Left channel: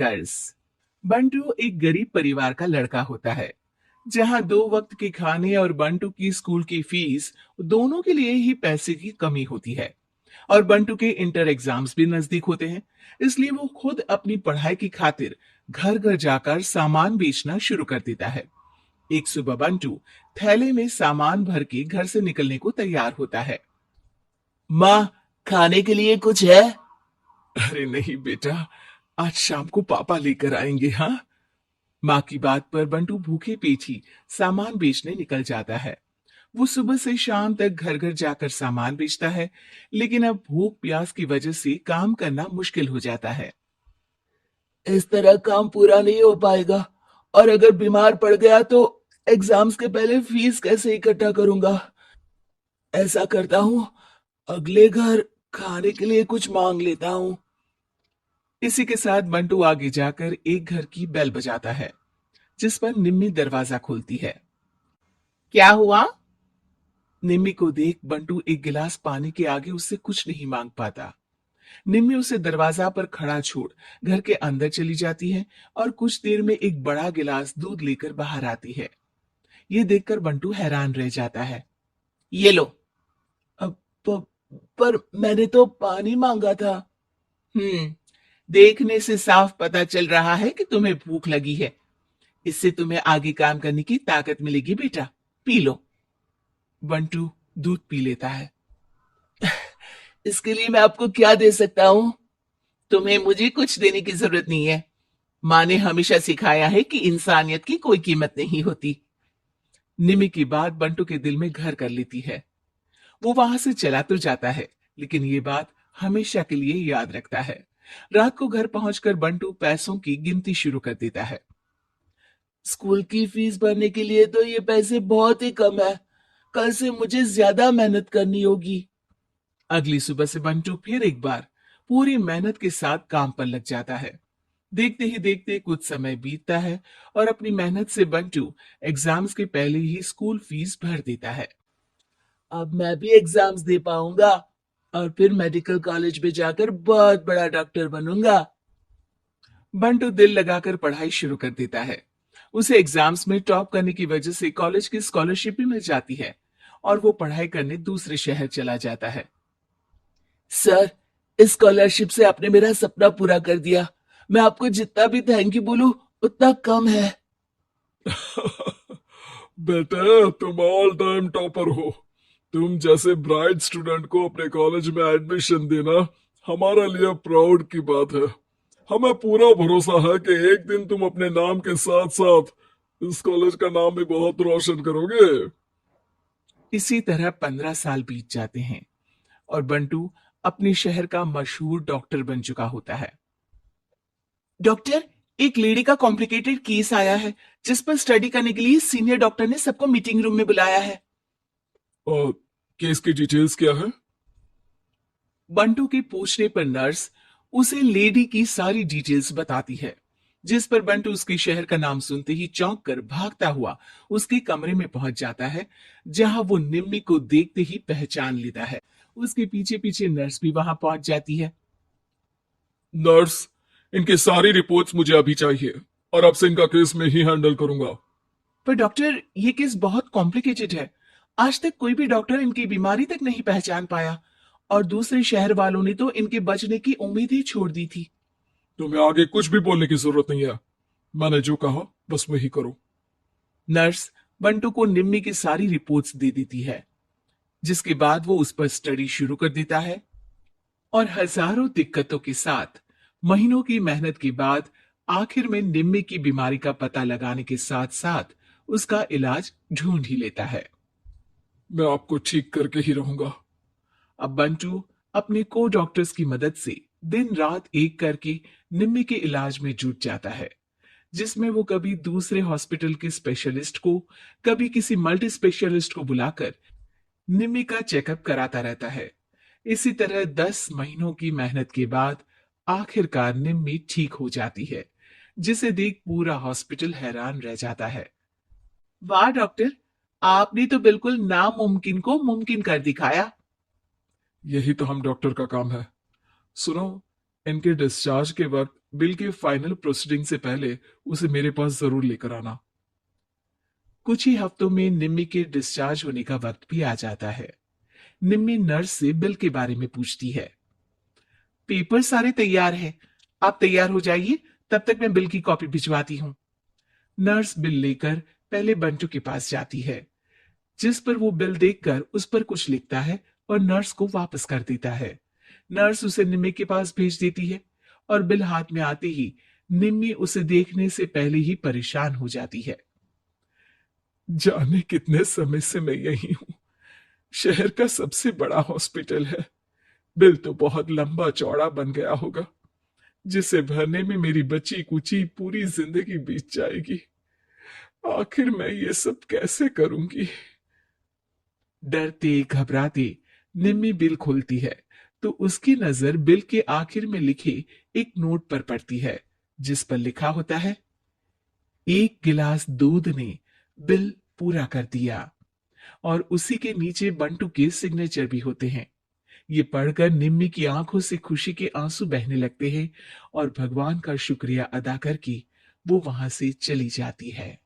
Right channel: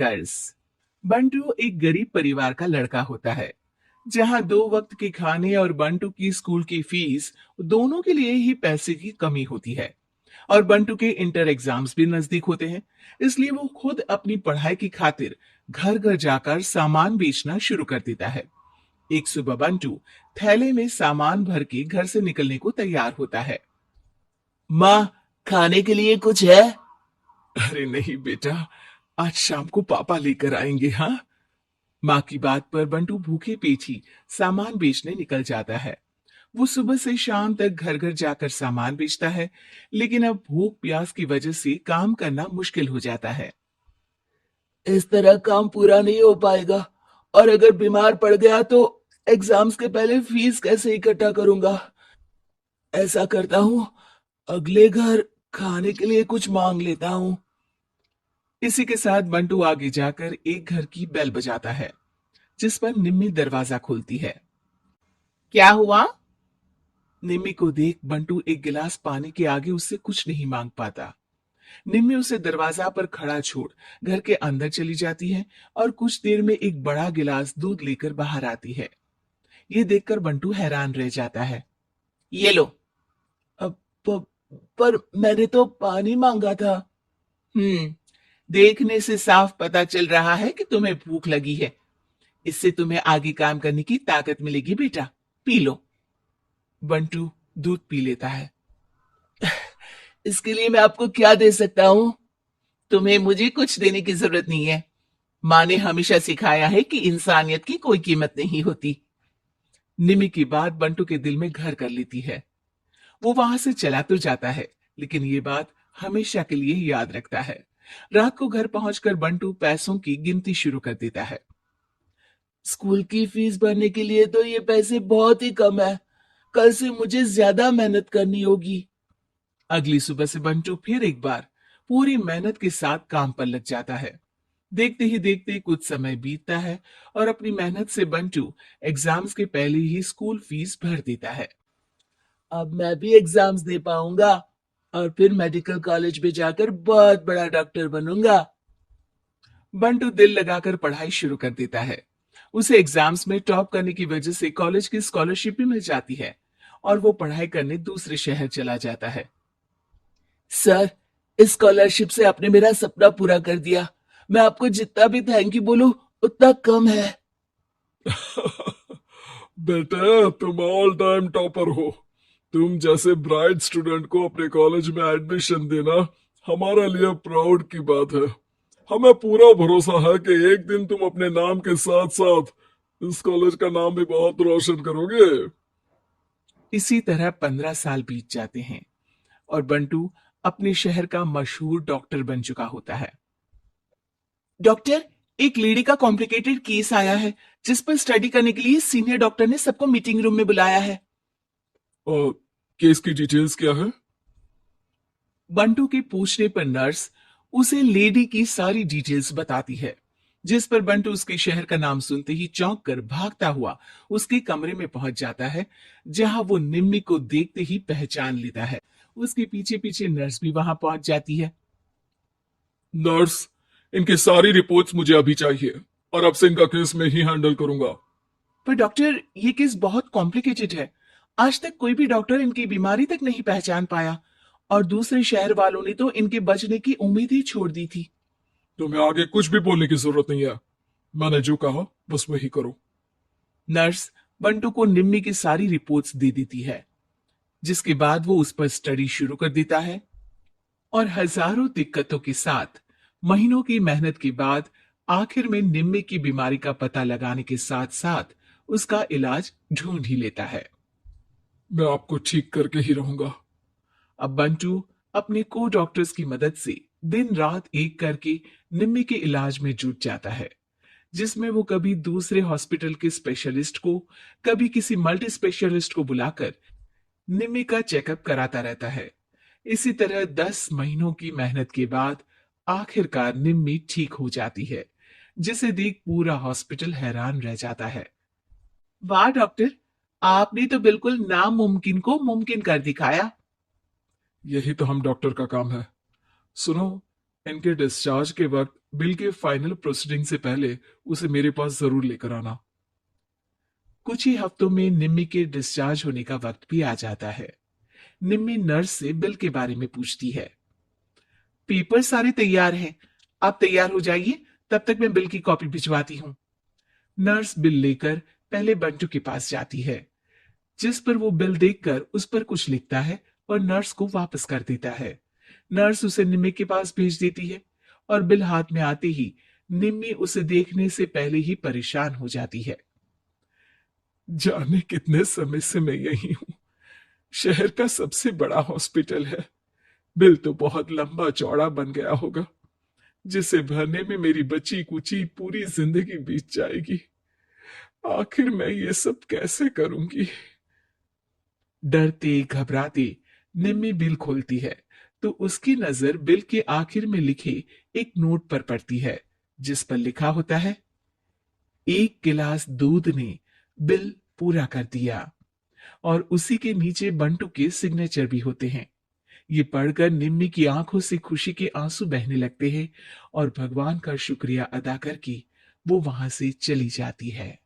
कर्ज। बंटू एक गरीब परिवार का लड़का होता है, जहां 2 वक्त के खाने और बंटू की स्कूल की फीस दोनों के लिए ही पैसे की कमी होती है। और बंटू के इंटर एग्जाम्स भी नजदीक होते हैं, इसलिए वो खुद अपनी पढ़ाई की खातिर घर घर जाकर सामान बेचना शुरू कर देता है। एक सुबह बंटू थैले में सामान भर के घर से निकलने को तैयार होता है। माँ, खाने के लिए कुछ है? अरे नहीं बेटा, आज शाम को पापा लेकर आएंगे। हाँ, माँ की बात पर बंटू भूखे पेट ही सामान बेचने निकल जाता है। वो सुबह से शाम तक घर घर जाकर सामान बेचता है, लेकिन अब भूख प्यास की वजह से काम करना मुश्किल हो जाता है। इस तरह काम पूरा नहीं हो पाएगा, और अगर बीमार पड़ गया तो एग्जाम्स के पहले फीस कैसे इकट्ठा करूंगा? ऐसा करता हूँ, अगले घर खाने के लिए कुछ मांग लेता हूँ। इसी के साथ बंटू आगे जाकर एक घर की बेल बजाता है, जिस पर निम्मी दरवाजा खोलती है। क्या हुआ? निम्मी को देख बंटू एक गिलास पानी के आगे उससे कुछ नहीं मांग पाता। निम्मी उसे दरवाजा पर खड़ा छोड़ घर के अंदर चली जाती है और कुछ देर में एक बड़ा गिलास दूध लेकर बाहर आती है। ये देखकर बंटू हैरान रह जाता है। ये लो। अब पर मैंने तो पानी मांगा था। हम्म, देखने से साफ पता चल रहा है कि तुम्हें भूख लगी है। इससे तुम्हें आगे काम करने की ताकत मिलेगी बेटा, पी लो। बंटू दूध पी लेता है। इसके लिए मैं आपको क्या दे सकता हूँ? तुम्हें मुझे कुछ देने की जरूरत नहीं है। माँ ने हमेशा सिखाया है कि इंसानियत की कोई कीमत नहीं होती। निमी की बात बंटू के दिल में घर कर लेती है। वो वहां से चला तो जाता है, लेकिन ये बात हमेशा के लिए याद रखता है। रात को घर पहुंचकर बंटू पैसों की गिनती शुरू कर देता है। स्कूल की फीस भरने के लिए तो ये पैसे बहुत ही कम है। कल से मुझे ज्यादा मेहनत करनी होगी। अगली सुबह से बंटू फिर एक बार पूरी मेहनत के साथ काम पर लग जाता है। देखते ही देखते कुछ समय बीतता है और अपनी मेहनत से बंटू एग्जाम्स के पहले ही स्कूल फीस भर देता है। अब मैं भी एग्जाम्स दे पाऊंगा, और फिर मेडिकल कॉलेज में जाकर बहुत बड़ा डॉक्टर बनूंगा। बंटू दिल लगाकर पढ़ाई शुरू कर देता है। उसे एग्जाम्स में टॉप करने की वजह से कॉलेज की स्कॉलरशिप भी मिल जाती है और वो पढ़ाई करने दूसरे शहर चला जाता है। सर, इस स्कॉलरशिप से आपने मेरा सपना पूरा कर दिया। मैं आपको जितना भी थैंक यू बोलूं उतना कम है। बेटे, तुम ऑल टाइम टॉपर हो। तुम जैसे ब्राइट स्टूडेंट को अपने कॉलेज में एडमिशन देना हमारे लिए प्राउड की बात है। हमें पूरा भरोसा है कि एक दिन तुम अपने नाम के साथ साथ इस कॉलेज का नाम भी बहुत रोशन करोगे। इसी तरह 15 साल बीत जाते हैं और बंटू अपने शहर का मशहूर डॉक्टर बन चुका होता है। डॉक्टर, एक लेडी का कॉम्प्लिकेटेड केस आया है, जिस पर स्टडी करने के लिए सीनियर डॉक्टर ने सबको मीटिंग रूम में बुलाया है। और केस की डिटेल्स क्या है? बंटू के पूछने पर नर्स उसे लेडी की सारी डिटेल्स बताती है, जिस पर बंटू उसके शहर का नाम सुनते ही चौंक कर भागता हुआ उसके कमरे में पहुंच जाता है, जहां वो निम्मी को देखते ही पहचान लेता है। उसके पीछे पीछे नर्स भी वहां पहुंच जाती है। नर्स, इनकी सारी रिपोर्ट्स मुझे अभी चाहिए, और अब से इनका केस मैं ही हैंडल करूंगा। पर डॉक्टर, ये केस बहुत कॉम्प्लिकेटेड है। आज तक कोई भी डॉक्टर इनकी बीमारी तक नहीं पहचान पाया और दूसरे शहर वालों ने तो इनके बचने की उम्मीद ही छोड़ दी थी। तुम्हें आगे कुछ भी बोलने की जरूरत नहीं है। मैंने जो कहा बस वही करो। नर्स बंटू को निम्मी की सारी रिपोर्ट्स दे देती है, जिसके बाद वो उस पर स्टडी शुरू कर देता है और हजारों दिक्कतों के साथ महीनों की मेहनत के बाद आखिर में निम्मी की बीमारी का पता लगाने के साथ साथ उसका इलाज ढूंढ ही लेता है। मैं आपको ठीक करके ही रहूंगा। अब बंटू अपने को डॉक्टर्स की मदद से दिन रात एक करके निम्मी के इलाज में जुट जाता है, जिसमें वो कभी दूसरे हॉस्पिटल के स्पेशलिस्ट को, कभी किसी मल्टी स्पेशलिस्ट को बुलाकर निम्मी का चेकअप कराता रहता है। इसी तरह 10 महीनों की मेहनत के बाद आखिरकार निम्मी ठीक हो जाती है, जिसे देख पूरा हॉस्पिटल हैरान रह जाता है। वाह डॉक्टर, आपने तो बिल्कुल नामुमकिन को मुमकिन कर दिखाया। यही तो हम डॉक्टर का काम है। सुनो, इनके डिस्चार्ज के वक्त बिल के फाइनल प्रोसीडिंग से पहले उसे मेरे पास जरूर लेकर आना। कुछ ही हफ्तों में निम्मी के डिस्चार्ज होने का वक्त भी आ जाता है। निम्मी नर्स से बिल के बारे में पूछती है। पेपर सारे तैयार हैं, आप तैयार हो जाइए, तब तक मैं बिल की कॉपी भिजवाती हूँ। नर्स बिल लेकर पहले बंटू के पास जाती है, जिस पर वो बिल देखकर उस पर कुछ लिखता है और नर्स को वापस कर देता है। नर्स उसे निम्मी के पास भेज देती है और बिल हाथ में आते ही निम्मी उसे देखने से पहले ही परेशान हो जाती है। जाने कितने समय से मैं यही हूँ। शहर का सबसे बड़ा हॉस्पिटल है। बिल तो बहुत लंबा चौड़ा बन गया होगा, जिसे भरने में मेरी बची कुची पूरी जिंदगी बीत जाएगी। आखिर मैं ये सब कैसे करूंगी? डरते घबराते निम्मी बिल खोलती है तो उसकी नजर बिल के आखिर में लिखे एक नोट पर पड़ती है, जिस पर लिखा होता है, 1 गिलास दूध ने बिल पूरा कर दिया। और उसी के नीचे बंटू के सिग्नेचर भी होते हैं। ये पढ़कर निम्मी की आंखों से खुशी के आंसू बहने लगते हैं और भगवान का शुक्रिया अदा करके वो वहां से चली जाती है।